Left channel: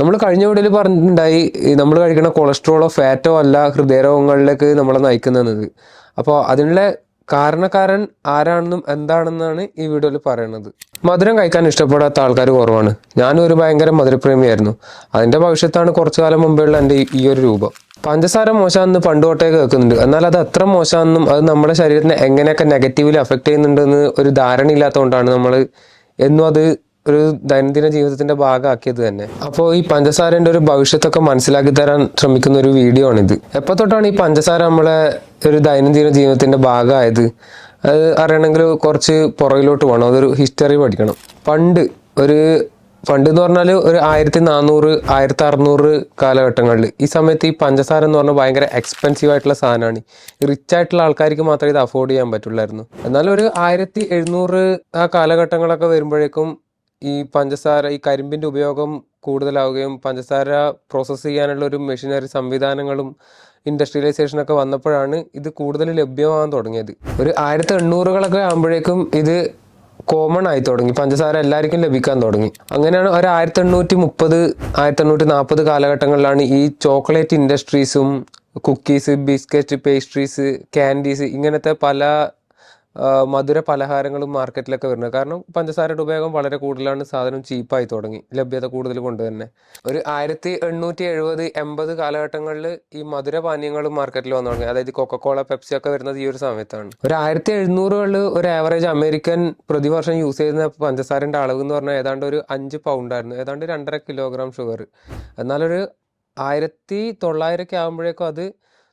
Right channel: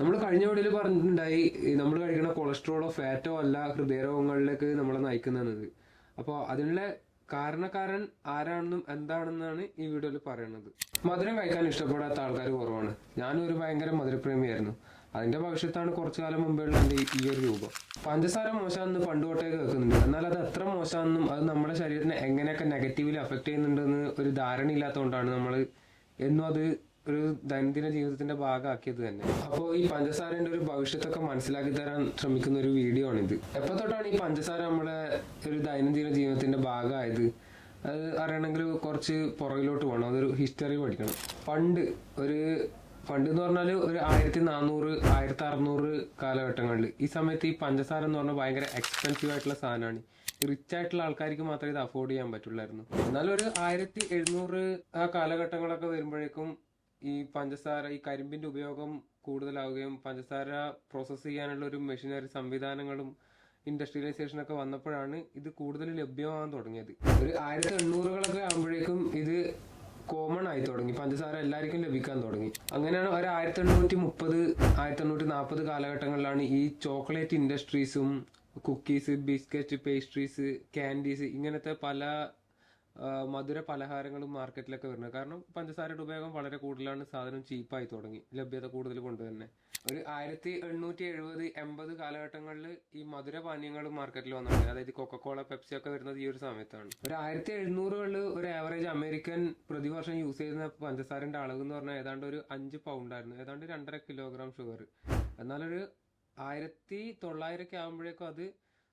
നമ്മൾ കഴിഞ്ഞ വീഡിയോയിൽ പറഞ്ഞിട്ടുണ്ടായി നമ്മൾ കഴിക്കുന്ന കൊളസ്ട്രോളോ ഫാറ്റോ അല്ല ഹൃദയരോഗങ്ങളിലേക്ക് നമ്മളെ നയിക്കുന്നത് അപ്പോൾ അതിനുള്ള കാരണക്കാരൻ ആരാണെന്നും എന്താണെന്നാണ് ഈ വീഡിയോയിൽ പറയുന്നത് മധുരം കഴിക്കാൻ ഇഷ്ടപ്പെടാത്ത ആൾക്കാർ കുറവാണ്. ഞാനും ഒരു ഭയങ്കര മധുരപ്രേമിയായിരുന്നു. അതിന്റെ ഭവിഷ്യത്താണ് കുറച്ചു കാലം മുമ്പേയുള്ള എന്റെ ഈ- ഒരു രൂപം. പഞ്ചസാര മോശമാണെന്ന് പണ്ട് തൊട്ടേ കേൾക്കുന്നുണ്ട്. എന്നാൽ അത് അത്ര മോശമാണെന്നും അത് നമ്മുടെ ശരീരത്തിനെ എങ്ങനെയൊക്കെ നെഗറ്റീവ്ലി അഫക്റ്റ് ചെയ്യുന്നുണ്ടെന്ന് ഒരു ധാരണ ഇല്ലാത്തതുകൊണ്ടാണ് നമ്മൾ എന്നും അത് ഒരു ദൈനംദിന ജീവിതത്തിന്റെ ഭാഗമാക്കിയത് തന്നെ. അപ്പോൾ ഈ പഞ്ചസാരന്റെ ഒരു ഭവിഷ്യത്തൊക്കെ മനസ്സിലാക്കി തരാൻ ശ്രമിക്കുന്ന ഒരു വീഡിയോ ആണിത്. എപ്പോ തൊട്ടാണ് ഈ പഞ്ചസാര നമ്മളെ ഒരു ദൈനംദിന ജീവിതത്തിന്റെ ഭാഗമായത്? അത് അറിയണമെങ്കിൽ കുറച്ച് പുറകിലോട്ട് പോകണം. അതൊരു ഹിസ്റ്ററി പഠിക്കണം. പണ്ട് ഒരു പണ്ട് എന്ന് പറഞ്ഞാൽ ഒരു ആയിരത്തി നാനൂറ് ആയിരത്തി അറുന്നൂറ് കാലഘട്ടങ്ങളിൽ ഈ സമയത്ത് ഈ പഞ്ചസാര എന്ന് പറഞ്ഞാൽ ഭയങ്കര എക്സ്പെൻസീവ് ആയിട്ടുള്ള സാധനമാണ്. റിച്ച് ആയിട്ടുള്ള ആൾക്കാർക്ക് മാത്രമേ ഇത് അഫോർഡ് ചെയ്യാൻ പറ്റുള്ളായിരുന്നു. എന്നാൽ ഒരു ആയിരത്തി എഴുന്നൂറ് ആ കാലഘട്ടങ്ങളൊക്കെ വരുമ്പോഴേക്കും ഈ പഞ്ചസാര ഈ കരിമ്പിന്റെ ഉപയോഗം കൂടുതലാവുകയും പഞ്ചസാര പ്രോസസ്സ് ചെയ്യാനുള്ള ഒരു മെഷീനറി സംവിധാനങ്ങളും ഇൻഡസ്ട്രിയലൈസേഷൻ ഒക്കെ വന്നപ്പോഴാണ് ഇത് കൂടുതൽ ലഭ്യമാകാൻ തുടങ്ങിയത്. ഒരു ആയിരത്തി എണ്ണൂറുകളൊക്കെ ആകുമ്പോഴേക്കും ഇത് കോമൺ ആയി തുടങ്ങി. പഞ്ചസാര എല്ലാവർക്കും ലഭിക്കാൻ തുടങ്ങി. അങ്ങനെയാണ് ഒരു ആയിരത്തി എണ്ണൂറ്റി മുപ്പത് ആയിരത്തി എണ്ണൂറ്റി നാൽപ്പത് കാലഘട്ടങ്ങളിലാണ് ഈ ചോക്ലേറ്റ് ഇൻഡസ്ട്രീസും കുക്കീസ് ബിസ്ക്കറ്റ് പേസ്ട്രീസ് ക്യാൻഡീസ് ഇങ്ങനത്തെ പല മധുര പലഹാരങ്ങളും മാർക്കറ്റിലൊക്കെ വരുന്നത്. കാരണം പഞ്ചസാരയുടെ ഉപയോഗം വളരെ കൂടുതലാണ് സാധനം ചീപ്പായി തുടങ്ങി ലഭ്യത കൂടുതൽ കൊണ്ട് തന്നെ ഒരു ആയിരത്തി എണ്ണൂറ്റി എഴുപത് എൺപത് കാലഘട്ടങ്ങളിൽ ഈ മധുര പാനീയങ്ങളും മാർക്കറ്റിൽ വന്നു തുടങ്ങി. അതായത് കൊക്കക്കോള പെപ്സി ഒക്കെ വരുന്നത് ഈ ഒരു സമയത്താണ്. ഒരു ആയിരത്തി എഴുന്നൂറുകളിൽ ഒരു ആവറേജ് അമേരിക്കൻ പ്രതിവർഷം യൂസ് ചെയ്യുന്ന പഞ്ചസാരന്റെ അളവ് എന്ന് പറഞ്ഞാൽ ഏതാണ്ട് ഒരു അഞ്ച് പൗണ്ടായിരുന്നു ഏതാണ്ട് രണ്ടര കിലോഗ്രാം ഷുഗർ എന്നാലൊരു ആയിരത്തി തൊള്ളായിരമൊക്കെ ആകുമ്പോഴേക്കും അത്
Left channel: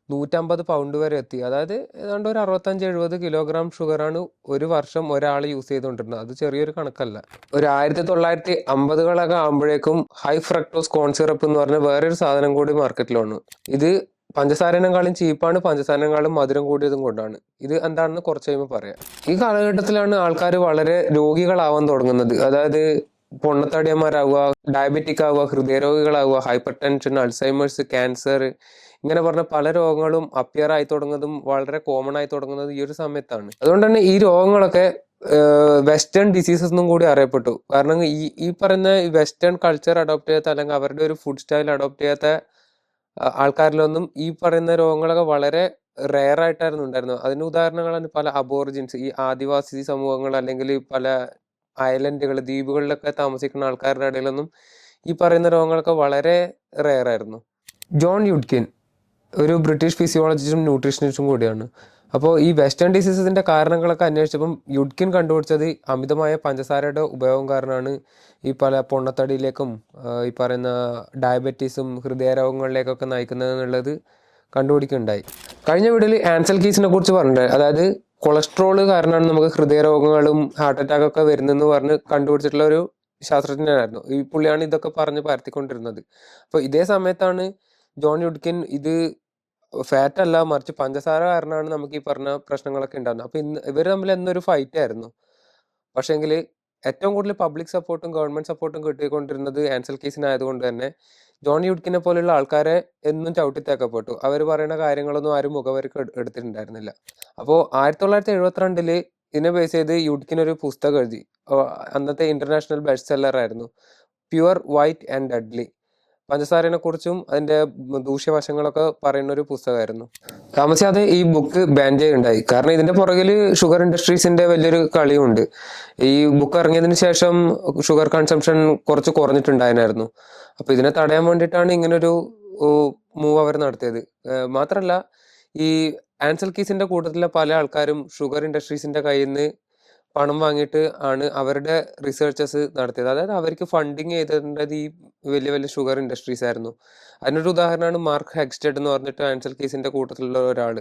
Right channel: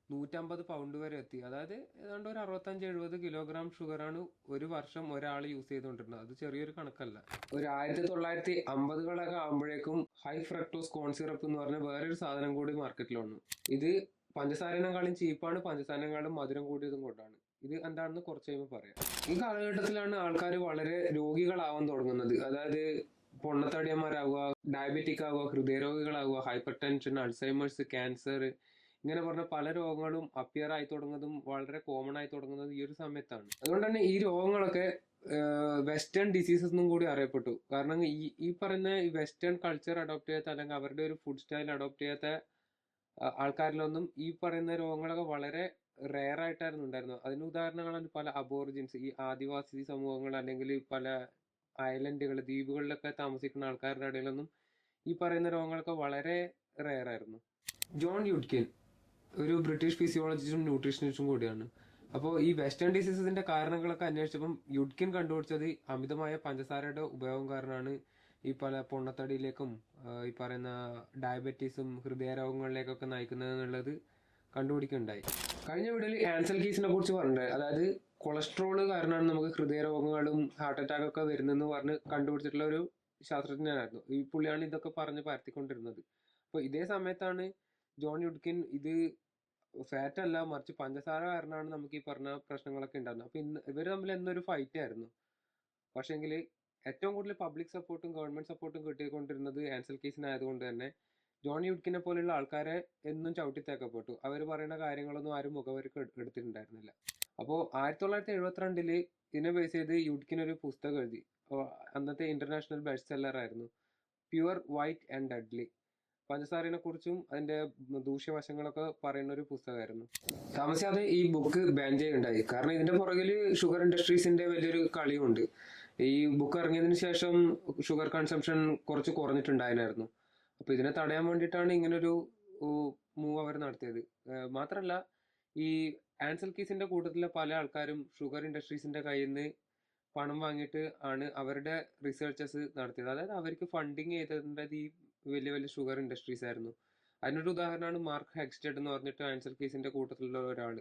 നൂറ്റമ്പത് പൗണ്ട് വരെ എത്തി. അതായത് ഏതാണ്ട് ഒരു അറുപത്തഞ്ച് എഴുപത് കിലോഗ്രാം ഷുഗറാണ് ഒരു വർഷം ഒരാൾ യൂസ് ചെയ്തുകൊണ്ടിരുന്നത് അത് ചെറിയൊരു കണക്കല്ല. ഒരു ആയിരത്തി തൊള്ളായിരത്തി അമ്പതുകളൊക്കെ ആകുമ്പോഴേക്കും ഹൈ ഫ്രക്ടോസ് കോൺ സിറപ്പ് എന്ന് പറഞ്ഞ വേറൊരു സാധനം കൂടി മാർക്കറ്റിൽ വന്നു. ഇത് പഞ്ചസാരനെക്കാളും ചീപ്പാണ് പഞ്ചസാരനെക്കാളും മധുരം കൂടിയതും കൊണ്ടാണ്. ഇത് എന്താണെന്ന് കുറച്ച് കഴിയുമ്പോൾ പറയാം. ഈ കാലഘട്ടത്തിലാണ് ആൾക്കാർ വളരെ രോഗികളാവാൻ തുടങ്ങുന്നത്. അതായത് പൊണ്ണത്തടിയന്മാരാവുക ഡയബറ്റിക് ആവുക ഹൃദയരോഗികളാവുക ഹൈപ്പർ ടെൻഷൻ അൾസൈമേഴ്സ് ക്യാൻസർ ഇങ്ങനെ പറഞ്ഞ പല രോഗങ്ങളും അപ്പിയർ ആയി തുടങ്ങുന്നതും വളരെ കോമൺ ആയി തുടങ്ങുന്നതും ഈ ഒരു സമയത്താണ്. അതുകൊണ്ട് തന്നെ ഈ രോഗങ്ങളൊക്കെ വെസ്റ്റേൺ ഡിസീസസ് എന്നും കൂടി അറിയപ്പെട്ടു. കാരണം ഈ ഈ പറയുന്ന വെസ്റ്റേൺ കൾച്ചർ അഡോപ്റ്റ് ചെയ്യാത്ത അല്ലെങ്കിൽ അവരുടെ ഒരു ഫുഡ് സ്റ്റൈൽ അഡോപ്റ്റ് ചെയ്യാത്ത ആൾക്കാരിലൊന്നും ഈ പറയുന്ന രോഗങ്ങളൊക്കെ വളരെ റെയർ ആയിട്ടായിരുന്നു ഉണ്ടായിരുന്നത്. അതിന് ഉദാഹരണങ്ങളാണ് പല അബോറിജിൻസ് ഈ ആദിവാസി സമൂഹങ്ങൾ അല്ലെങ്കിൽ പല ഐലൻഡുകൾ ദ്വീപുകളിലൊക്കെ താമസിക്കുന്ന ആൾക്കാരുടെ ഇടയിലൊന്നും ഈ പറയുന്ന രോഗങ്ങളൊക്കെ വളരെ റെയർ ആയിരുന്നു. ജോൺ യുഡ്കിൻ ഒരു ബ്രിട്ടീഷ് ഫിസിയോളജിസ്റ്റും ന്യൂട്രീഷനിസ്റ്റും കൂടിയാണ്. അപ്പോൾ ഈ വെസ്റ്റേൺ ഡിസീസസിന്റെ കാരണങ്ങളൊക്കെ അന്വേഷിച്ചപ്പം യുഡ്കിൻ കണ്ടുപിടിച്ചത് അമിതമായ പഞ്ചസാരയുടെ ഉപയോഗം കാരണമാണ്. ഈ പല പൊണ്ണത്തടിയിലേക്കും ഈ പറയുന്ന ഡയബറ്റീസും ഹൃദയരോഗങ്ങളിലേക്കൊക്കെ നയിക്കുന്നത് എന്നുള്ളത് കണ്ടുപിടിക്കുകയുണ്ടായി. കഴിഞ്ഞ വീഡിയോയിൽ ആൻസൽ കീസിനെ കുറിച്ച് പറഞ്ഞിട്ടുണ്ട്. അതായത് കൊളസ്ട്രോൾ കാരണമാണ് നമുക്ക് ഹൃദയരോഗങ്ങളും ഹാർട്ട് അറ്റാക്ക് ഒക്കെ വരുന്നതെന്ന് പറഞ്ഞ് കണ്ടുപിടിച്ചിട്ടുള്ള ഒരു ശാസ്ത്രജ്ഞനായിരുന്നു. ഈ പുള്ളിയാണ് ഇതൊക്കെ പറഞ്ഞ് പരത്തിക്കൊണ്ടിരുന്നത്. അപ്പോൾ ഇതേ സമയത്താണ് ജോൺ യുഡ്കിൻ ഇത് ഫാറ്റ് അല്ല മറിച്ച് പഞ്ചസാര കാരണമാണ് നമുക്ക് ഈ പറഞ്ഞ പ്രശ്നങ്ങളൊക്കെ ഉണ്ടാകുന്നത് അപ്പൊ ഇന്ന് ഇവർ തമ്മിൽ എന്നൊരു ഫൈറ്റ് ആയിരുന്നു. പക്ഷേങ്കിൽ ഏറ്റവും കൂടുതൽ പബ്ലിക് സപ്പോർട്ടും ഗവൺമെന്റ് സപ്പോർട്ടും കിട്ടിക്കൊണ്ടിരുന്നത് ആൻസൽ കേസിനായതുകൊണ്ട് തന്നെ ജോൺ യുഡ്കിനെ പോലെയുള്ള ആൾക്കാരെ എന്നും ചവിട്ടിത്തേക്കപ്പെട്ടു. അവർ പറയുന്ന കാര്യങ്ങളൊന്നും ആരും മുഖവർക്ക് എടു- എടുത്തിട്ടുണ്ടായിരുന്നില്ല. അപ്പോൾ ആയിരത്തി തൊള്ളായിരത്തി എഴുപത്തിരണ്ടിൽ ഇതിനെ ബേസ് ചെയ്ത് യുഡ്കിൻ ഒരു പുസ്തകം എഴുതി. അന്നത്തെ ഇന്റർനാഷണൽ ബെസ്റ്റ് സെല്ലർ ആയിരുന്നു. പ്യുവർ വൈറ്റ് ആൻഡ് ഡെഡ്ലി പഞ്ചസാരനെ കുറിച്ചും അതിന്റെ ദൂഷ്യവശങ്ങളൊക്കെ പറയുന്ന ഒരു പുസ്തകമായിരുന്നു. താമസിയാതെ ഈ ബുക്ക് ബാൻ ചെയ്യുണ്ടായി. കാരണം ഇതിന്റെ പുറകിൽ ഷുഗർ ഇൻഡസ്ട്രീസിന്റെ വലിയൊരു കളിയുണ്ട്. ഈ ബുക്ക് ഇറങ്ങിയതിന് ശേഷം ഷുഗർ കൺസംഷൻ കുറച്ച് കുറഞ്ഞിട്ടുണ്ടായിരുന്നു അപ്പൊ ഇതിനെ തടയാൻ വേണ്ടിയിട്ടാണ് ഇങ്ങനൊരു മൂവ് അവർ നടത്തിയത്. മാത്രല്ല ഈ ആൻസൽ കീസിന്റെ കൂട്ടത്തിലെ പല ആൾക്കാരും ഷുഗർ ഇൻഡസ്ട്രീസിന്റെ കയ്യിൽ നിന്ന് പണം വാങ്ങിയിട്ട് ആണ് അവരുടെ റിസർച്ചസ് നടത്തിയത്. അതായത് അവർക്ക് ഫണ്ടിങ് ചെയ്തിട്ടുണ്ടത് ഈ വലിയ വലിയ ഷുഗർ ഇൻഡസ്ട്രീസ് ആയിരുന്നു. അതിനൊരു ഉദാഹരണമാണ് മാർക്ക് ഹെക്സ്റ്റഡ് എന്ന് പറഞ്ഞിട്ട് ആൻസൽ കേസിന്റെ കൂട്ടത്തിലുള്ള ഒരാൾ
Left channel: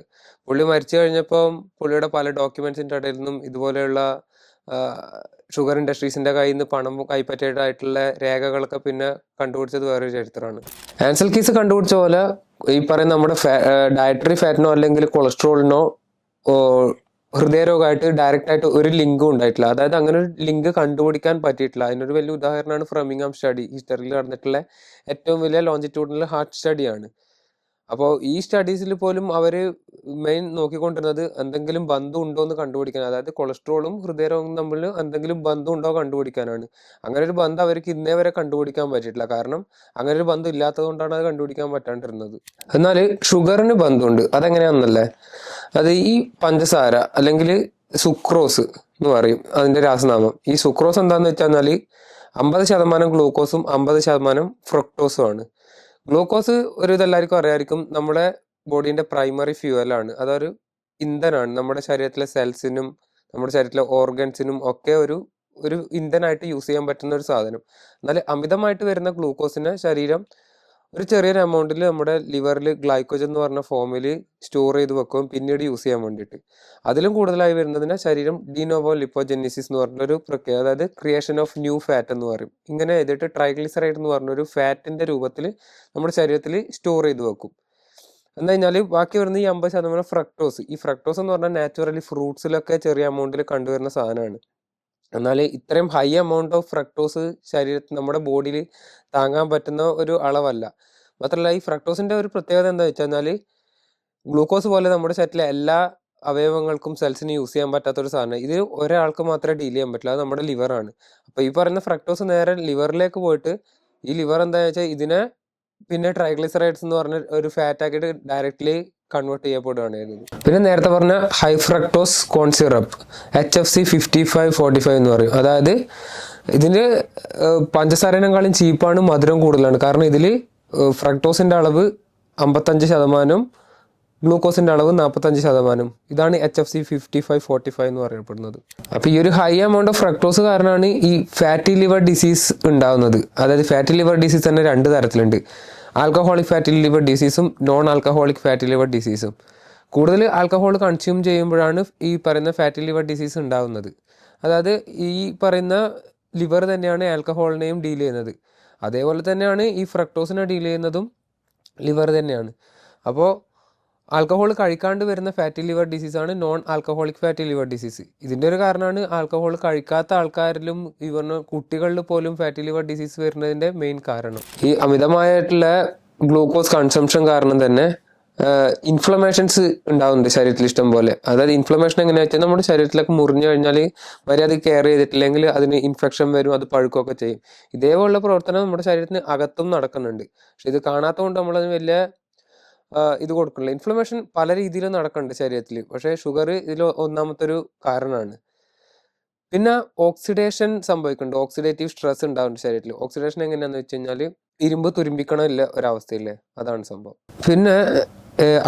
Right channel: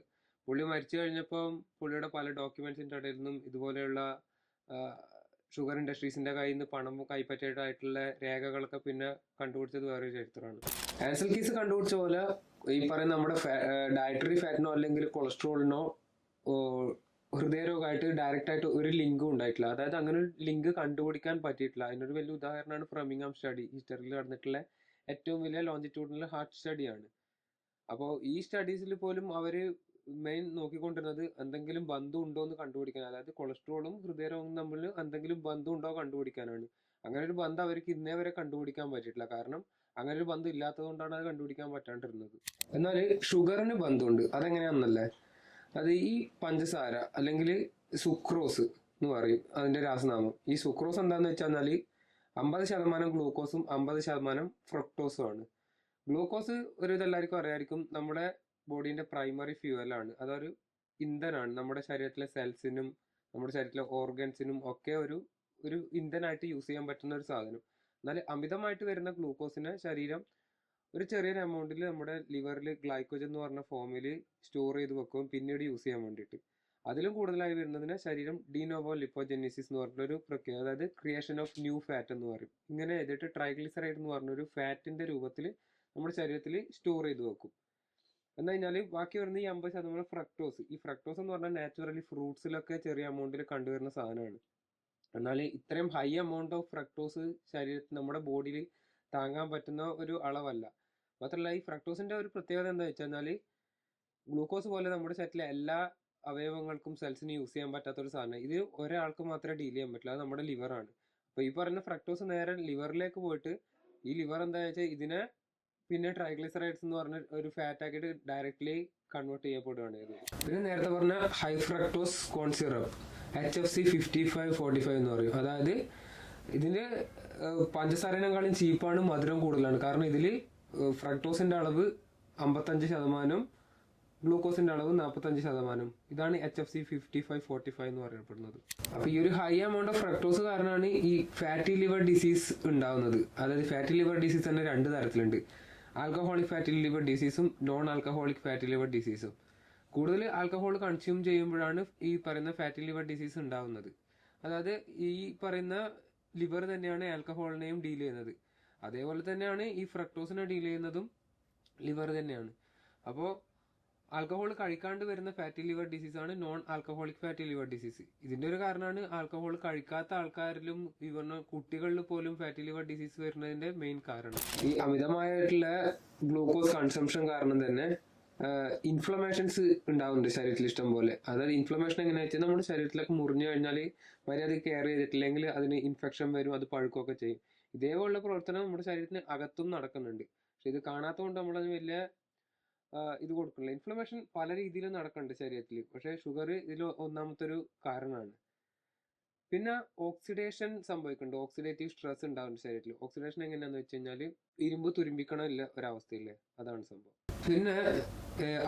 പുള്ളി മരിച്ചു കഴിഞ്ഞപ്പോൾ പുള്ളിയുടെ പല ഡോക്യുമെന്റ്സിന്റെ ഇടയിൽ നിന്നും ഇതുപോലെയുള്ള ഷുഗർ ഇൻഡസ്ട്രീസിന്റെ കയ്യിൽ നിന്ന് പണം കൈപ്പറ്റിയതായിട്ടുള്ള രേഖകളൊക്കെ പിന്നെ കണ്ടുപിടിച്ചത് വേറൊരു ചരിത്രമാണ്. ആൻസൽ കീസ് കണ്ടുപിടിച്ച പോലെ ഈ പറയുന്ന നമ്മുടെ ഡയറ്ററി ഫാറ്റിനോ അല്ലെങ്കിൽ കൊളസ്ട്രോളിനോ ഹൃദയരോഗമായിട്ട് ഡയറക്റ്റ് ആയിട്ട് ഒരു ലിങ്കും ഉണ്ടായിട്ടില്ല. അതായത് അങ്ങനെ ഒരു ലിങ്ക് കണ്ടുപിടിക്കാൻ പറ്റിയിട്ടില്ല. അതിനൊരു വലിയ ഉദാഹരണമാണ് ഫ്രമിംഗാം സ്റ്റഡി ഹിസ്റ്ററിയിൽ നടന്നിട്ടുള്ള ഏറ്റവും വലിയ ലോഞ്ചിറ്റ്യൂഡിനൽ ഹാർട്ട് സ്റ്റഡിയാണ് അപ്പോൾ ഈ സ്റ്റഡീസിൽ പോലും അവർ മെയിൻ നോക്കിക്കൊണ്ടിരുന്നത് എന്തെങ്കിലും ബന്ധം ഉണ്ടോ എന്ന് കണ്ടുപിടിക്കാൻ. അതായത് കൊളസ്ട്രോളും ഹൃദയരോഗവും തമ്മിൽ എന്തെങ്കിലും ബന്ധം ഉണ്ടോ കണ്ടുപിടിക്കാനാണ്. അങ്ങനെ ഒരു ബന്ധം അവർക്ക് ഇന്നേ വരെ കണ്ടുപിടിക്കാൻ പറ്റിയിട്ടില്ല. കാരണം അങ്ങനെ ഒരു ബന്ധം ഇല്ലാത്തത് കൊണ്ടാണ് അത് കണ്ടുപിടിക്കാൻ പറ്റാണ്ടിരുന്നത്. എന്നാൽ ഷുഗറിന് ബന്ധമുണ്ട്. അതെങ്ങനെയാണെന്നല്ലേ? അത് ഈ പഞ്ചസാര അല്ലെങ്കിൽ സുക്രോസ് എന്ന് പറയും അതിന്റെ രാസനാമം. ഈ സുക്രോസ് എന്താന്ന് വെച്ചാൽ അമ്പത് ശതമാനം ഗ്ലൂക്കോസും അമ്പത് ശതമാനം ഫ്രക്ടോസും ആണ്. ഗ്ലൂക്കോസ് ഒരു ഇതെല്ലാവർക്കും അറിയായിരിക്കും നമ്മുടെ ബോഡീന്റെ പ്രൈമറി ഫ്യൂവലാണ് അതൊരു ഇന്ധനാണ് നമ്മുടെ ശരീരത്തിലെ സെൽസിനും നമ്മുടെ ശരീരത്തിലെ ഓർഗൻസിനും ഒക്കെ ഒരു ഒരു ഇന്ധനായിട്ട് യൂസ് ചെയ്യാൻ പറ്റുന്ന ഒരു സാധനം. എന്നാൽ അമിതമായിട്ട് വരുന്ന ഗ്ലൂക്കോസിനെ ശരീരം ഒരു ചെറിയൊരു എമൗണ്ടിൽ നമ്മുടെ ലിവറിൽ ഗ്ലൈക്കോജൻ എന്ന് പറഞ്ഞ ഫോമിൽ സ്റ്റോർ ചെയ്ത് വെക്കും പിന്നീട് യൂസ് ചെയ്യാൻ വേണ്ടിയിട്ട്. അതിലും കൂടുതലായി വരുന്നതിന് ശരീരം ഡിനോവോ ലിപ്പോജെനിസിസ് എന്ന് പറഞ്ഞൊരു പ്രക്രിയ അതായത് ക്രിയേഷൻ ഓഫ് ന്യൂ ഫാറ്റ് എന്ന് പറയും. ഇങ്ങനെ ചെയ്തിട്ട് ട്രൈഗ്ലിസറൈഡ് എന്ന് പറഞ്ഞൊരു ഫാറ്റിന്റെ രൂപത്തിൽ നമ്മുടെ ശരീരത്തിൽ സ്റ്റോർ ചെയ്ത് വെക്കും. എന്ന് കഴിഞ്ഞാൽ ബാക്കി വരുന്ന ഈ അമ്പത് ശതമാനം ഫ്രക്ടോസ് ഈ ഫ്രക്ടോസ് എന്ന് പറഞ്ഞാൽ നാച്ചുറലി ഫ്രൂട്ട്സിലൊക്കെ ചെറിയ എമൗണ്ടിൽ കണ്ടുവരുന്ന സാധനമാണ്. എന്നാൽ ഇത്രയും ഹൈ എമൗണ്ട് ഓഫ് ഫ്രക്ടോസ് ശരീരത്തിൽ നമ്മുടെ ബോഡിയിൽ താങ്ങാൻ പറ്റുന്ന ഒരു അളവല്ല. മാത്രമല്ല ഈ ഫ്രക്ടോസിന്റെ ഒരു പ്രത്യേകത എന്താ വെച്ചാൽ ഗ്ലൂക്കോസ് പോലെ നമ്മുടെ ശരീരത്തിലെ എല്ലാ അവയവങ്ങൾക്കും സെൽസിന് യൂസ് ചെയ്യാൻ പറ്റാത്ത ഒരു സാധനം. ഇത് ഒരാൾക്ക് മാത്രമേ ഡീൽ ചെയ്യാൻ പറ്റില്ല. അത് നമ്മുടെ ലിവറാണ് അപ്പൊ ഈ പറയുന്ന ഫ്രക്ടോസ് നേരെ ലിവറിലേക്ക് പോയിട്ട് ഈ ലിവർ എന്താ വെച്ചാൽ ഇതിനെ പിന്നെ ട്രൈഗ്ലിസറൈഡ്സ് എന്ന് പറഞ്ഞ ഒരു ഫാറ്റ് ആക്കിയിട്ട് ഡയറക്ട്ലി കൺവേർട്ട് ചെയ്യപ്പെടുകയാണ് ചെയ്യുന്നത്. പിന്നെ നേരത്തെ പറഞ്ഞ high fructose corn syrup H F C fifty five forty five എന്ന് പറയും. അതായത് ഇതിന് പഞ്ചസാരനേക്കാളും ചീപ്പാണ് മധുരം കൂടുതലാണ്. കാരണം ഇതിൽ ഫ്രക്ടോസിന്റെ അളവ് അമ്പത്തഞ്ച് ശതമാനം ഗ്ലൂക്കോസിന്റെ അളവ് നാൽപ്പത്തഞ്ച് ശതമാനം. ഇതാണ് H F C fifty five forty five എന്ന് പറയപ്പെടുന്നത്. അപ്പോൾ ഈ ഒരു ഹൈ എമൗണ്ട് ഓഫ് ഫ്രക്ടോസ് കാരണമാണ് ഈ ഫാറ്റി ലിവർ ഡിസീസ് ഉണ്ടാകുന്നത് അതായത് ഫാറ്റി ലിവർ ഡിസീസ് തന്നെ രണ്ട് തരത്തിലുണ്ട്. ആൽക്കഹോളിക് ഫാറ്റി ലിവർ ഡിസീസും നോൺ ആൽക്കഹോളിക് ഫാറ്റി ലിവർ ഡിസീസും കൂടുതൽ ആൽക്കഹോൾ കൺസ്യൂം ചെയ്യുമ്പോഴാണ് ഈ പറയുന്ന ഫാറ്റി ലിവർ ഡിസീസ് ഉണ്ടാകുന്നത് അതായത് ഈ പറയുന്ന ലിവർ തന്നെയാണ് ആൽക്കഹോളിനെയും ഡീൽ ചെയ്യുന്നത്. അതേപോലെ തന്നെയാണ് ഈ ഫ്രക്ടോസിനെ ഡീൽ ചെയ്യുന്നതും ലിവർ തന്നെയാണ്. അപ്പോൾ ആൽക്കഹോൾ കഴിക്കാണ്ട് വരുന്ന ഫാറ്റി ലിവർ ഡിസീസ് ആണ് non alcoholic fatty liver disease. ഇതിന്റെ ഒരു കാരണമാണ് ആൽക്കഹോൾ കഴിക്കാത്ത ആൾക്കാരിലും പറഞ്ഞ കുട്ടികളിൽ പോലും ഫാറ്റി ലിവർ ഡിസീസ് വരുന്നതിന്റെ മെയിൻ കാരണം. ഈ അമിതമായിട്ടുള്ള ഗ്ലൂക്കോസ് കൺസംഷൻ കാരണം തന്നെ ഇൻഫ്ലമേഷൻസ് ഉണ്ടാവുന്നുണ്ട് ശരീരത്തിൽ ഇഷ്ടം പോലെ. അതായത് ഇൻഫ്ലമേഷൻ എങ്ങനെയാ വെച്ചാൽ നമ്മുടെ ശരീരത്തിലൊക്കെ മുറിഞ്ഞു കഴിഞ്ഞാൽ മര്യാദ കെയർ ചെയ്തിട്ടില്ലെങ്കിൽ അതിന് ഇൻഫെക്ഷൻ വരും അത് പഴുക്കുകയൊക്കെ ചെയ്യും. ഇതേപോലുള്ള പ്രവർത്തനം നമ്മുടെ ശരീരത്തിന് അകത്തും നടക്കുന്നുണ്ട്. പക്ഷെ ഇത് കാണാത്തതുകൊണ്ട് നമ്മളതിന് വലിയ ഇത് കൊടുക്കണില്ല ഇൻഫ്ലമേഷൻ പല രീതിയിലും നടക്കുന്നുണ്ട് ശരീരത്തിൽ. പക്ഷേ ഷുഗർ ഇതിൽ ഒന്നാമത്തെ ഒരു കാരണമാണ്. പിന്നെ ഓക്സിഡേഷൻ സംഭവിക്കുന്നുണ്ട്. ഓക്സിഡേറ്റീവ് സ്ട്രെസ് ഉണ്ടാവുന്നുണ്ട് ശരീരത്തിൽ. ഓക്സിഡേഷൻ എങ്ങനെയാണെന്ന് വെച്ച് കഴിഞ്ഞാൽ ഇരുമ്പ് തുരുമ്പിക്കണമില്ല ഒരവസ്ഥയില്ലേ അതാണ് സംഭവം. പിന്നെ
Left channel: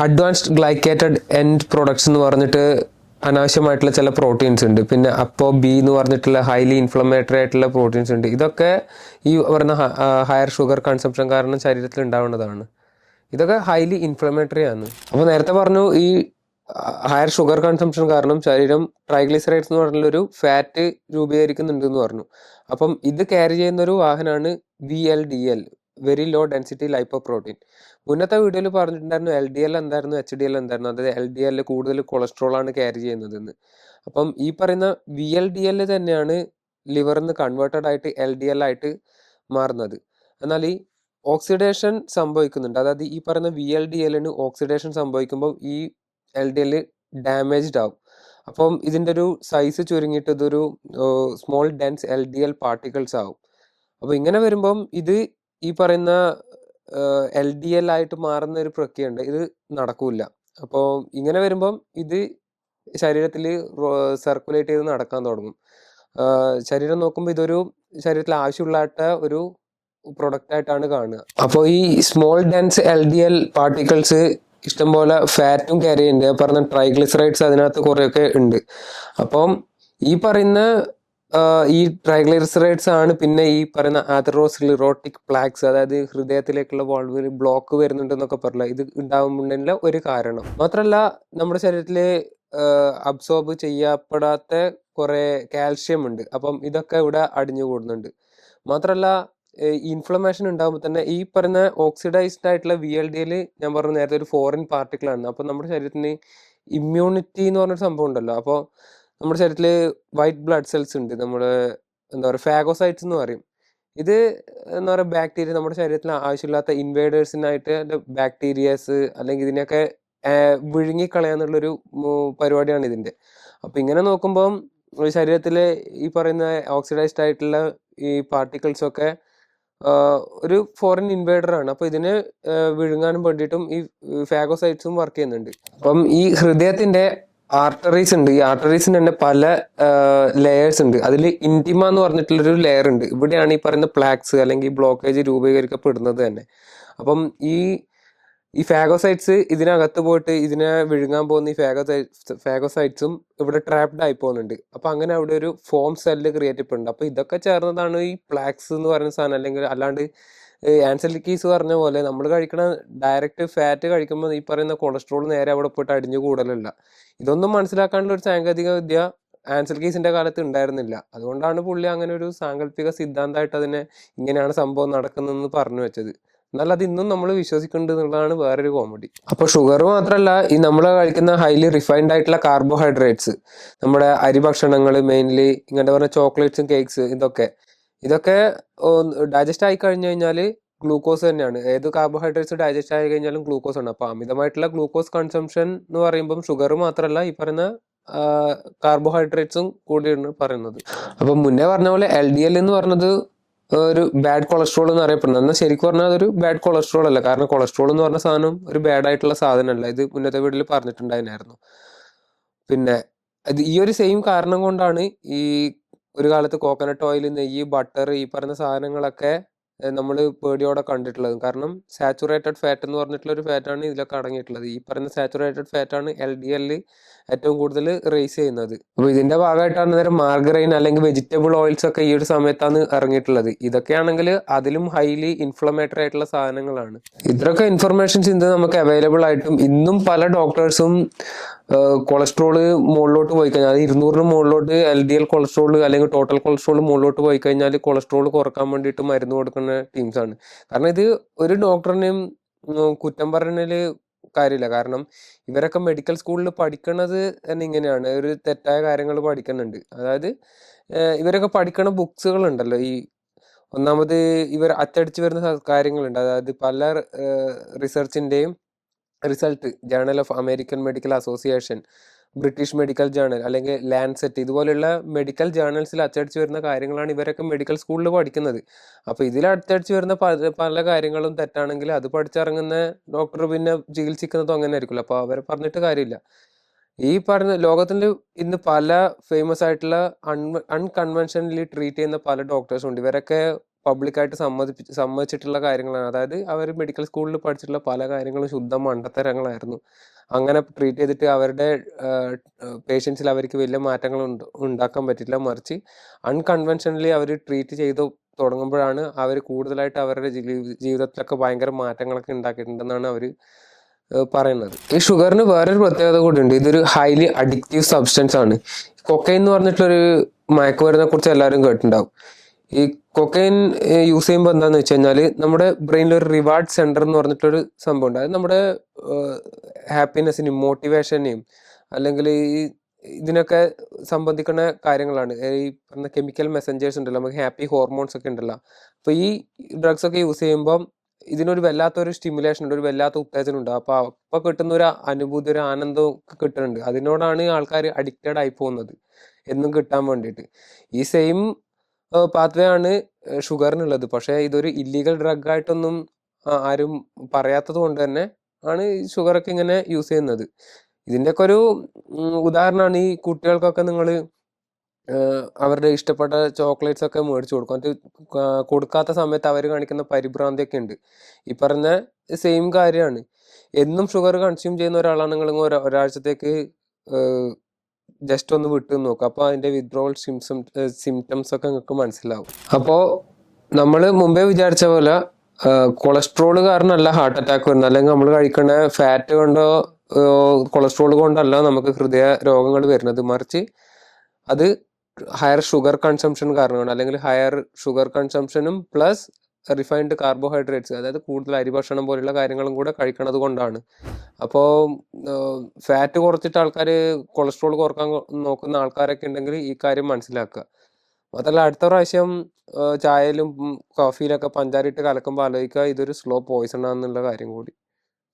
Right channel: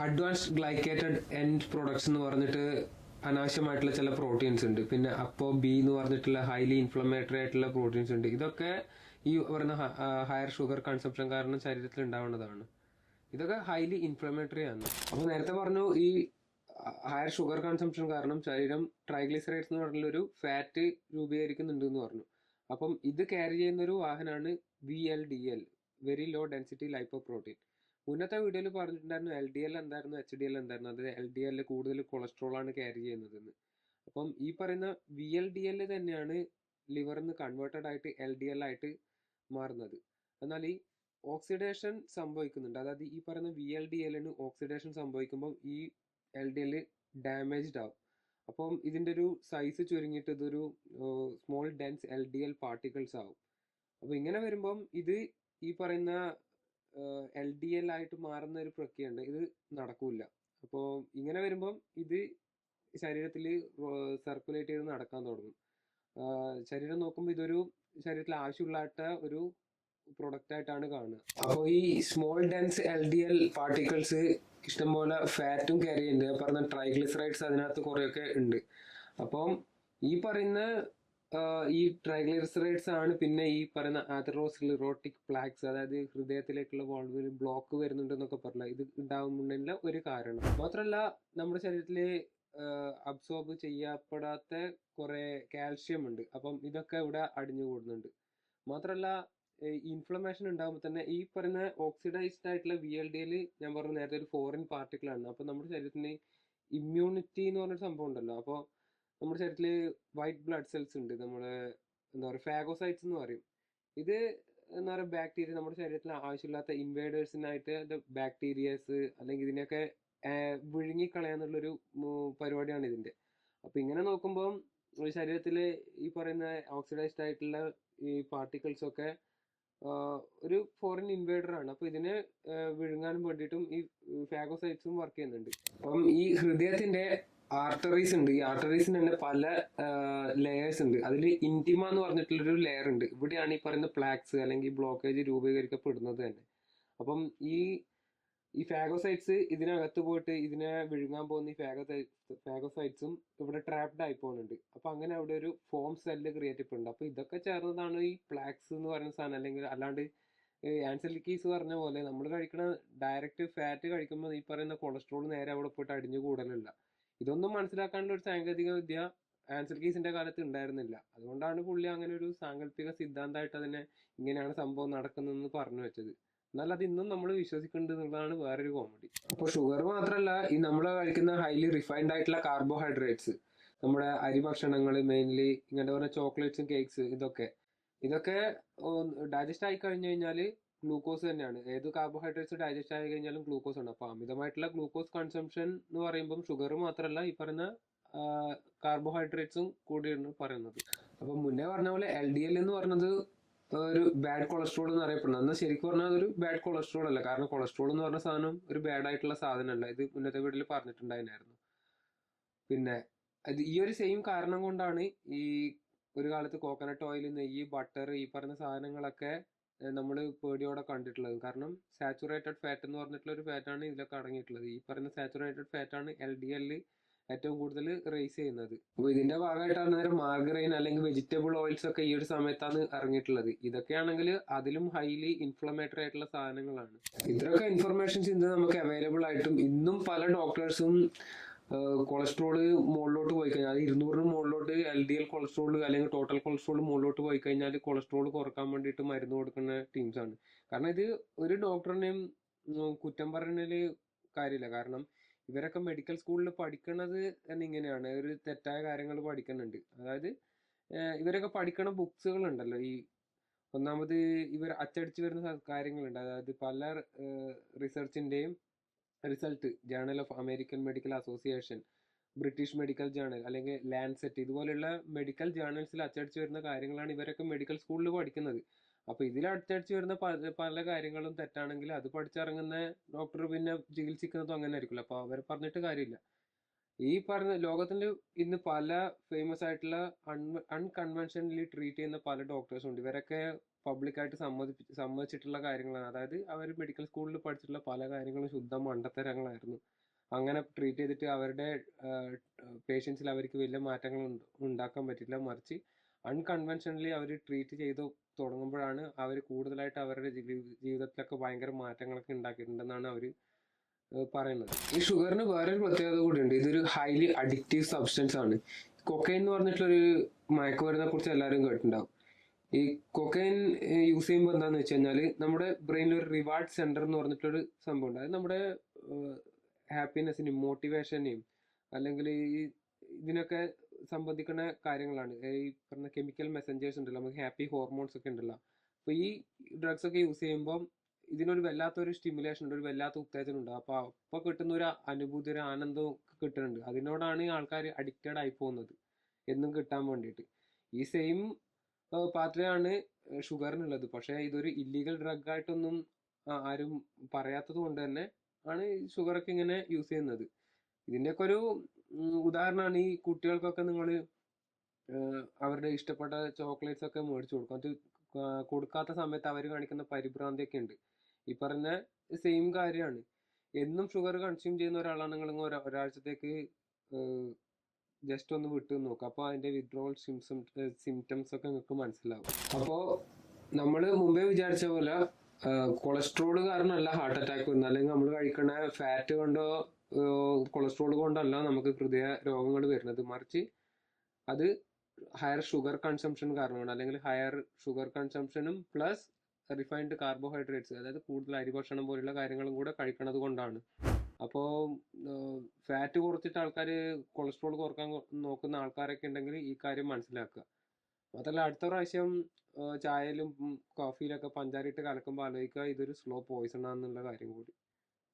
അഡ്വാൻസ്ഡ് ഗ്ലൈക്കേറ്റഡ് എൻഡ് പ്രൊഡക്ട്സ് എന്ന് പറഞ്ഞിട്ട് അനാവശ്യമായിട്ടുള്ള ചില പ്രോട്ടീൻസ് ഉണ്ട്. പിന്നെ അപ്പോ ബി എന്ന് പറഞ്ഞിട്ടുള്ള ഹൈലി ഇൻഫ്ലമേറ്ററി ആയിട്ടുള്ള പ്രോട്ടീൻസ് ഉണ്ട്. ഇതൊക്കെ ഈ പറയുന്ന ഹയർ ഷുഗർ കൺസംപ്ഷൻ കാരണം ശരീരത്തിൽ ഉണ്ടാവുന്നതാണ്. ഇതൊക്കെ ഹൈലി ഇൻഫ്ലമേറ്ററി ആണ്. അപ്പോൾ നേരത്തെ പറഞ്ഞു ഈ ഹയർ ഷുഗർ കൺസംപ്ഷൻ കാരണം ശരീരം ട്രൈഗ്ലിസറൈഡ്സ് എന്ന് പറഞ്ഞുള്ള ഒരു ഫാറ്റ് രൂപീകരിക്കുന്നുണ്ട് എന്ന് പറഞ്ഞു. അപ്പം ഇത് ക്യാരി ചെയ്യുന്ന ഒരു വാഹനമാണ് V L D L very low density lipoprotein മുന്നത്തെ വീഡിയോയിൽ പറഞ്ഞിട്ടുണ്ടായിരുന്നു എൽ ഡി എൽ എന്തായിരുന്നു എച്ച് ഡി എൽ എന്തായിരുന്നു അതായത് എൽ ഡി എൽ കൂടുതൽ കൊളസ്ട്രോൾ ആണ് ക്യാരി ചെയ്യുന്നതെന്ന്. അപ്പം ഈ പറയുന്ന വി എൽ ഡി എൽ തന്നെയാണ് ലിവറിൽ നിന്ന് കൺവേർട്ടഡ് ആയിട്ട് എൽ ഡി എൽ ആയിട്ട് മാറുന്നത്. എന്നാൽ ഈ ഓക്സിഡേഷൻ സംഭവിക്കുന്നുണ്ട്. അതായത് ഈ പറയുന്ന വി എൽ ഡി എല്ലിന് ഓക്സിഡേഷൻ സംഭവിക്കുമ്പോൾ ഈ എൽ ഡി എൽ ഡാമേജ്ഡ് ആവും. അപ്പം ഇതിന്റെ ഒരു സൈസ് ചുരുങ്ങിയിട്ട് ഇതൊരു small dense L D L particles ആവും. അപ്പോൾ ഇങ്ങനെ വരുമ്പം ഇത് ഈ പറയുന്ന എൽ ഡി എൽ ആയിട്ട് മാറുന്ന ഒരു പ്രക്രിയ ഉണ്ട് ഇത് നടക്കൂല അപ്പോൾ ഇങ്ങനെ വരുമ്പം ഇത് ശരീരത്തിൽ സർക്കുലേറ്റ് ചെയ്ത് നടക്കാൻ തുടങ്ങും. ശരീരം നോക്കുമ്പോൾ ഇതൊരു ശരീരത്തിൽ ആവശ്യമുള്ളായിട്ട് ഒരു പ്രൊഡക്റ്റ് ആയിട്ടാണ് കാണുക. അപ്പോൾ ഈ small dense L D L particles ഇഷ്ടംപോലെ ഫാറ്റും ക്യാരി ചെയ്യുന്നുണ്ട്. പറഞ്ഞ ട്രൈഗ്ലിസറൈഡ്സ് അതിനകത്ത് കുറേയൊക്കെ ഉണ്ട്. അപ്പം ഈ പറയുന്ന ഈ ട്രൈഗ്ലൈസറൈഡ്സ് ആണ് പിന്നെ ഈ പറയുന്ന ആതറോസ്ലിറോട്ടിക് പ്ലാക്സ് അതായത് ഹൃദയത്തിലേക്കുള്ള വോൾവിൽ ബ്ലോക്ക് വരുന്നുണ്ടെന്നൊക്കെ പറഞ്ഞില്ല? ഇത് ഉണ്ടാകുന്നുണ്ടെങ്കിൽ ഒരു കാരണം. മാത്രമല്ല നമ്മുടെ ശരീരത്തിൽ അബ്സോർബ് ചെയ്യപ്പെടാത്ത കുറെ കാൽഷ്യം ഉണ്ട്. അപ്പം ഇതൊക്കെ ഇവിടെ അടിഞ്ഞു കൂടുന്നുണ്ട്. മാത്രമല്ല ഇൻഫ്ലമേഷൻ ഉണ്ടാകുമ്പോൾ തന്നെ ഈ പറയുന്ന ഓക്സിഡൈസ്ഡ് ആയിട്ടുള്ള വി എൽ ഡിയിൽ ഞാൻ പറഞ്ഞ നേരത്തെ ഒരു ഫോറിൻ പാർട്ടിക്കിൾ ആണ്. അപ്പോൾ നമ്മുടെ ശരീരത്തിന് ഇമ്മ്യൂണിറ്റി എന്ന് പറഞ്ഞൊരു സംഭവം ഉണ്ടല്ലോ. അപ്പോൾ നമ്മുടെ ശരീരത്തിൽ വൈറ്റ് ബ്ലഡ് സെൽസ് ഉണ്ട്. നമ്മുടെ എന്താ പറയുക ഫാഗോസൈറ്റ്സ് എന്ന് പറയും. ഇത് എന്താ പറയുക ബാക്ടീരിയ നമ്മുടെ ശരീരത്തിൽ ആവശ്യമില്ലാത്ത ഇൻവേഡേഴ്സിനായിട്ട് ബാക്ടീരിയസ് അല്ലെങ്കിൽ ഇതിനെയൊക്കെ വിഴുങ്ങിക്കളയാന്നുള്ളൊരു പരിപാടിയാണ് ഇതിന്റെ അപ്പം ഇങ്ങനെ നോക്കുമ്പോൾ ശരീരത്തിലെ ഈ പറയുന്ന ഓക്സിഡൈസ്ഡ് ആയിട്ടുള്ള ഈ പാർട്ടിക്കിൾസൊക്കെ ഒരു ഫോറിൻ ഇൻവേഡർ ആണ്. അപ്പോൾ ഇതിനെ വിഴുങ്ങാനും വേണ്ടിയിട്ടും ഈ ഫാഗോസൈറ്റ്സും വർക്ക് ചെയ്യുന്നുണ്ട്. അപ്പം ഈ ഹൃദയത്തിന്റെ ആർട്ടറീസ് ഉണ്ട്. ഈ ആർട്ടറീസിന് തന്നെ പല ലെയേഴ്സ് ഉണ്ട്. അതിൽ ഇന്റിമ എന്ന് പറഞ്ഞിട്ടുള്ളൊരു ലെയർ ഉണ്ട്. ഇവിടെയാണ് ഈ പറയുന്ന പ്ലാക്സ് അല്ലെങ്കിൽ ബ്ലോക്കേജ് രൂപീകരിക്കപ്പെടുന്നത് തന്നെ. അപ്പം ഈ ഈ ഫാഗോസൈറ്റ്സ് ഇതിനകത്ത് പോയിട്ട് ഇതിനെ വിഴുങ്ങാൻ പോകുന്ന ഈ ഫാഗോസൈറ്റ്സ് ഫാഗോസൈറ്റ്സും ഇവിടെ ട്രാപ്ഡ് ആയി പോകുന്നുണ്ട്. അപ്പം അങ്ങനെ അവിടെ ഒരു ഫോം സെല്ല് ക്രിയേറ്റ് ചെയ്യപ്പെടുന്നുണ്ട് അപ്പോൾ ഇതൊക്കെ ചേർന്നതാണ് ഈ പ്ലാക്സ് എന്ന് പറയുന്ന സാധനം. അല്ലെങ്കിൽ അല്ലാണ്ട് ആൻസലിക്കീസ് പറഞ്ഞ പോലെ നമ്മൾ കഴിക്കുന്ന ഡയറക്റ്റ് ഫാറ്റ് കഴിക്കുമ്പോൾ ഈ പറയുന്ന കൊളസ്ട്രോൾ നേരെ അവിടെ പോയിട്ട് അടിഞ്ഞു കൂടലല്ല. ഇതൊന്നും മനസ്സിലാക്കാനുള്ള ഒരു സാങ്കേതിക വിദ്യ ആൻസൽ കീസിന്റെ കാലത്ത് ഉണ്ടായിരുന്നില്ല. അതുകൊണ്ടാണ് പുള്ളി അങ്ങനെ ഒരു സാങ്കല്പിക സിദ്ധാന്തമായിട്ട് അതിനെ ഇങ്ങനെയാണ് സംഭവം നടക്കുന്നതെന്ന് പറഞ്ഞു വെച്ചത്. എന്നാൽ അത് ഇന്നും നമ്മൾ വിശ്വസിക്കുന്നുണ്ട് എന്നുള്ളതാണ് വേറൊരു കോമഡി. അപ്പൊ ഷുഗർ മാത്രമല്ല ഈ നമ്മൾ കഴിക്കുന്ന ഹൈലി റിഫൈൻഡ് ആയിട്ടുള്ള കാർബോഹൈഡ്രേറ്റ്സ് നമ്മുടെ അരി ഭക്ഷണങ്ങൾ മെയിൻലി ഇങ്ങനത്തെ പറഞ്ഞ ചോക്ലേറ്റ്സും കേക്ക്സ് ഇതൊക്കെ ഇതൊക്കെ ഡൈജസ്റ്റ് ആയി കഴിഞ്ഞു കഴിഞ്ഞാൽ ഗ്ലൂക്കോസ് തന്നെയാണ്. ഏത് കാർബോഹൈഡ്രേറ്റ്സ് ഡൈജസ്റ്റ് ആയി കഴിഞ്ഞാലും ഗ്ലൂക്കോസ് ആണ്. അപ്പൊ അമിതമായിട്ടുള്ള ഗ്ലൂക്കോസ് കൺസംഷൻ എന്ന് പറയുമ്പം ഷുഗർ മാത്രമല്ല ഈ പറയുന്ന കാർബോഹൈഡ്രേറ്റ്സും കൂടിയാണ് പറയുന്നത്. അപ്പൊ മുന്നേ പറഞ്ഞ പോലെ എൽ ഡി എൽ എന്ന് പറഞ്ഞത് ഒരു ബാഡ് കൊളസ്ട്രോൾ എന്ന് അറിയപ്പെടുന്നത് എന്നാൽ ശരിക്കും പറഞ്ഞാൽ അതൊരു ബാഡ് കൊളസ്ട്രോൾ അല്ല. കാരണം കൊളസ്ട്രോൾ എന്ന് പറഞ്ഞ സാധനം ഒരു ബാഡ് ആയിട്ടുള്ള സാധനമല്ല. ഇത് മുന്നത്തെ വീട്ടിൽ പറഞ്ഞിട്ടുണ്ടായിരുന്നു പിന്നെ ഈ ഒരു സെയിം കാരണം കൊണ്ടാണ് ഈ ഒരു കാലത്ത് കോക്കനട്ട് ഓയിൽ നെയ്യ് ബട്ടർ ഈ പറഞ്ഞ സാധനങ്ങളൊക്കെ നമ്മൾ പേടിയോടെ കണ്ടിട്ടുള്ളത്. കാരണം സാച്ചുറേറ്റഡ് ഫാറ്റ് എന്ന് പറഞ്ഞിട്ടുള്ള ഒരു ഫാറ്റാണ് ഇതിലൊക്കെ അടങ്ങിയിട്ടുള്ളത്. ഈ പറയുന്ന സാച്ചുറേറ്റഡ് ഫാറ്റാണ് എൽ ഡി എല്ലിൽ ഏറ്റവും കൂടുതൽ റേസ് ചെയ്യുന്നത്. അപ്പോൾ ഇതിന്റെ ഭാഗമായിട്ടാണ് നേരം മാർഗറൈൻ അല്ലെങ്കിൽ വെജിറ്റബിൾ ഓയിൽസ് ഒക്കെ ഈ ഒരു സമയത്താണ് ഇറങ്ങിയിട്ടുള്ളത്. ഇതൊക്കെയാണെങ്കിൽ അതിലും ഹൈലി ഇൻഫ്ലമേറ്ററി ആയിട്ടുള്ള സാധനങ്ങളാണ്. ഇത്രയൊക്കെ ഇൻഫർമേഷൻസ് ഇന്ന് നമുക്ക് അവൈലബിൾ ആയിട്ടും ഇന്നും പല ഡോക്ടേഴ്സും കൊളസ്ട്രോൾ മുകളിലോട്ട് പോയി കഴിഞ്ഞാൽ ഇരുന്നൂറിന് മുകളിലോട്ട് എൽ ഡി എൽ കൊളസ്ട്രോൾ അല്ലെങ്കിൽ ടോട്ടൽ കൊളസ്ട്രോൾ മുകളിലോട്ട് പോയി കഴിഞ്ഞാൽ കൊളസ്ട്രോൾ കുറയ്ക്കാൻ വേണ്ടിയിട്ട് മരുന്ന് കൊടുക്കുന്ന ടീംസാണ് കാരണം ഇത് ഒരു ഡോക്ടറിനെയും കുറ്റം പറഞ്ഞതിൽ കാര്യമില്ല. കാരണം ഇവരൊക്കെ മെഡിക്കൽ സ്കൂളിൽ പഠിക്കണത് തന്നെ ഇങ്ങനെയാണ്. ഒരു തെറ്റായ കാര്യങ്ങൾ പഠിക്കുന്നുണ്ട്. അതായത് ഇവരൊക്കെ പഠിക്കണ ബുക്സുകൾ ഉണ്ടല്ലോ ഈ ഒന്നാമത് ഇവർ അച്ചടിച്ച് വരുന്ന കാര്യങ്ങളുണ്ട്. അതായത് പല റിസർച്ചിന്റെയും result journal of American medical association British medical journal അല്ലെങ്കിൽ ലാൻസെറ്റ് ഇതുപോലുള്ള മെഡിക്കൽ ജേണൽസിൽ അച്ചടിച്ച് വരുന്ന കാര്യങ്ങളാണ് ഇവരൊക്കെ മെഡിക്കൽ സ്കൂളിൽ പഠിക്കുന്നത്. അപ്പോൾ ഇതിൽ അച്ചടിച്ച് വരുന്ന പല പല കാര്യങ്ങളും തെറ്റാണെങ്കിൽ അത് പഠിച്ചിറങ്ങുന്ന ഡോക്ടർ പിന്നെ ചികിത്സിക്കുന്നതും അങ്ങനെ ആയിരിക്കുമല്ലോ. അപ്പോൾ അവരെ പറഞ്ഞിട്ട് കാര്യമില്ല. ഈ പറഞ്ഞ ലോകത്തിൽ ഇന്ന് പല ഫേമസ് ആയിട്ടുള്ള അൺ അൺകൺവെൻഷനലി ട്രീറ്റ് ചെയ്യുന്ന പല ഡോക്ടേഴ്സും ഉണ്ട്. ഇവരൊക്കെ പബ്ലിക്കായിട്ട് സമ്മതിപ്പിച്ച് സമ്മതിച്ചിട്ടുള്ള കാര്യങ്ങളാണ്. അതായത് അവർ മെഡിക്കൽ സ്കൂളിൽ പഠിച്ചിട്ടുള്ള പല കാര്യങ്ങളും ശുദ്ധ മണ്ടത്തരങ്ങളായിരുന്നു. അങ്ങനെ ട്രീറ്റ് ചെയ്തിട്ട് അവരുടെ പേഷ്യൻസിൽ അവർക്ക് വലിയ മാറ്റങ്ങൾ ഉണ്ട് ഉണ്ടാക്കാൻ പറ്റില്ല മറിച്ച് അൺകൺവെൻഷനലി അവർ ട്രീറ്റ് ചെയ്ത് തുടങ്ങുമ്പോഴാണ് അവർ കൂടുതലായിട്ട് അവരുടെ ജീവി- ജീവിതത്തിലൊക്കെ ഭയങ്കര മാറ്റങ്ങളൊക്കെ ഉണ്ടാക്കിയിട്ടുണ്ടെന്നാണ് അവർ പറയുന്നത്. ഈ ഷുഗറിന് വേറൊരു പ്രത്യേകത കൂടിയുണ്ട്. ഇതൊരു ഹൈലി അഡിക്റ്റീവ് സബ്സ്റ്റൻസ് ആണ് കൊക്കൈൻ എന്ന് പറഞ്ഞിട്ടുള്ളൊരു മയക്കുമരുന്നിനെ കുറിച്ച് എല്ലാവരും കേട്ടിട്ടുണ്ടാവും. ഈ കൊക്കൈൻ യൂസ് ചെയ്യുമ്പോൾ എന്താന്ന് വെച്ച് കഴിഞ്ഞാൽ നമ്മുടെ ബ്രെയിനിൽ ഒരു റിവാർഡ് സെന്റർ എന്ന് പറഞ്ഞിട്ടൊരു സംഭവം ഉണ്ട്. അത് നമ്മുടെ ഹാപ്പിനെസ്സിനെയും മോട്ടിവേഷനെയും അല്ലെങ്കിൽ ഈ ഇതിനൊക്കെ സംബന്ധിക്കുന്ന കാര്യങ്ങളാണ്. ഈ പറഞ്ഞ കെമിക്കൽ മെസ്സഞ്ചേഴ്സ് ഉണ്ടല്ലോ നമുക്ക് ഹാപ്പി ഹോർമോൺസ് ഒക്കെ ഉണ്ടല്ലോ. അപ്പൊ ഈ ഡ്രഗ്സ് ഒക്കെ യൂസ് ചെയ്യുമ്പോൾ ഇതിനൊരു വല്ലാത്തൊരു സ്റ്റിമുലേഷൻ ഉണ്ട് ഒരു വല്ലാത്ത ഉത്തേജനം ഉണ്ട്. അപ്പൊ അപ്പൊ കിട്ടുന്ന ഒരു അനുഭൂതി ഒരു ആനന്ദം ഒക്കെ കിട്ടുന്നുണ്ട്. അതിനോടാണ് ആൾക്കാർ അഡിക്റ്റഡ് ആയി പോകുന്നത്. എന്നും കിട്ടാൻ വേണ്ടിയിട്ട്. ഈ സെയിം പാത്വേ ആണ് ഷുഗറിനുള്ളത്. പക്ഷേ ഇതൊരു ഇല്ലീഗൽ ഡ്രഗ് ആയിട്ടൊന്നും ആരും പറയാത്തത് കൊണ്ട് തന്നെ ആണ് ഷുഗറൊക്കെ ഇങ്ങനെ യൂസ് ചെയ്യുന്നത്. ഇതിന്റെയൊക്കെ ഒരു ഉദാഹരണമാണ് ഈ കുട്ടികൾക്കൊക്കെ നിങ്ങൾ അവരുടെ ഇഷ്ടപ്പെട്ട ചോക്ലേറ്റ്സ് ഒക്കെ മേടിച്ചു കൊടുക്കും. അത് കൊടുക്കാത്ത സമയത്ത് അവർ കാണിക്കുന്ന പരിഭ്രാന്തിയൊക്കെ ഉണ്ട്. ഈ പറഞ്ഞ സെയിം കാര്യമാണ്. എന്നും ഷുഗർ കൺസ്യൂം ചെയ്യുന്ന ഒരാളാണെങ്കിൽ ഒരാ ഒരാഴ്ചത്തേക്ക് ജസ്റ്റ് ഒന്ന് വിട്ടു നോക്കുക അപ്പോൾ അതിന്റെ വിത്ഡ്രോവൽ സിംസം സിംറ്റംസ് ഒക്കെ നിങ്ങൾക്ക് മനസ്സിലാവും. അപ്പോൾ നമ്മൾ മുമ്പേ വിചാരിച്ച പോലെ കൊളസ്ട്രോൾ കാരണമല്ല ഹാർട്ട് അറ്റാക്ക് വരുന്നത്. അല്ലെങ്കിൽ നമ്മൾ കഴിക്കുന്ന ഫാറ്റ് കൊണ്ടോ കൊളസ്ട്രോൾ കൊണ്ടല്ല നമുക്ക് ഹൃദയ രോഗങ്ങൾ വരുന്നത്. മറിച്ച് അത് ഹയർ ഷുഗർ കൺസംഷൻ കാരണമാണ്. അല്ലെങ്കിൽ ഹയർ ഷുഗർ കൺസംഷനും പ്ലസ് റിഫൈൻഡ് കാർബോഹൈഡ്രേറ്റ്സ് അതായത് കൂടുതൽ അരിഭക്ഷണം പോലുള്ള കാര്യങ്ങളും കൂടെ കഴിക്കണത് കൊണ്ടാണ്. അപ്പോൾ ഫാറ്റ് കുറച്ചിട്ട് ആൾക്കാർ കൊളസ്ട്രോൾ കുറയ്ക്കാൻ നോക്കുന്ന ആൾക്കാരൊക്കെ ഉണ്ടെങ്കിൽ ഈ കാര്യം മനസ്സിലാക്കുക. മാത്രമല്ല അടുത്ത പ്രാവശ്യം ചായയിലും കോഫിയിലൊക്കെ പഞ്ചാരിട്ട് കലക്കുമ്പോൾ ആലോചിക്കുക ഇതൊരു സ്ലോ പോയിസൺ ആണെന്നുള്ള കാര്യം കൂടി.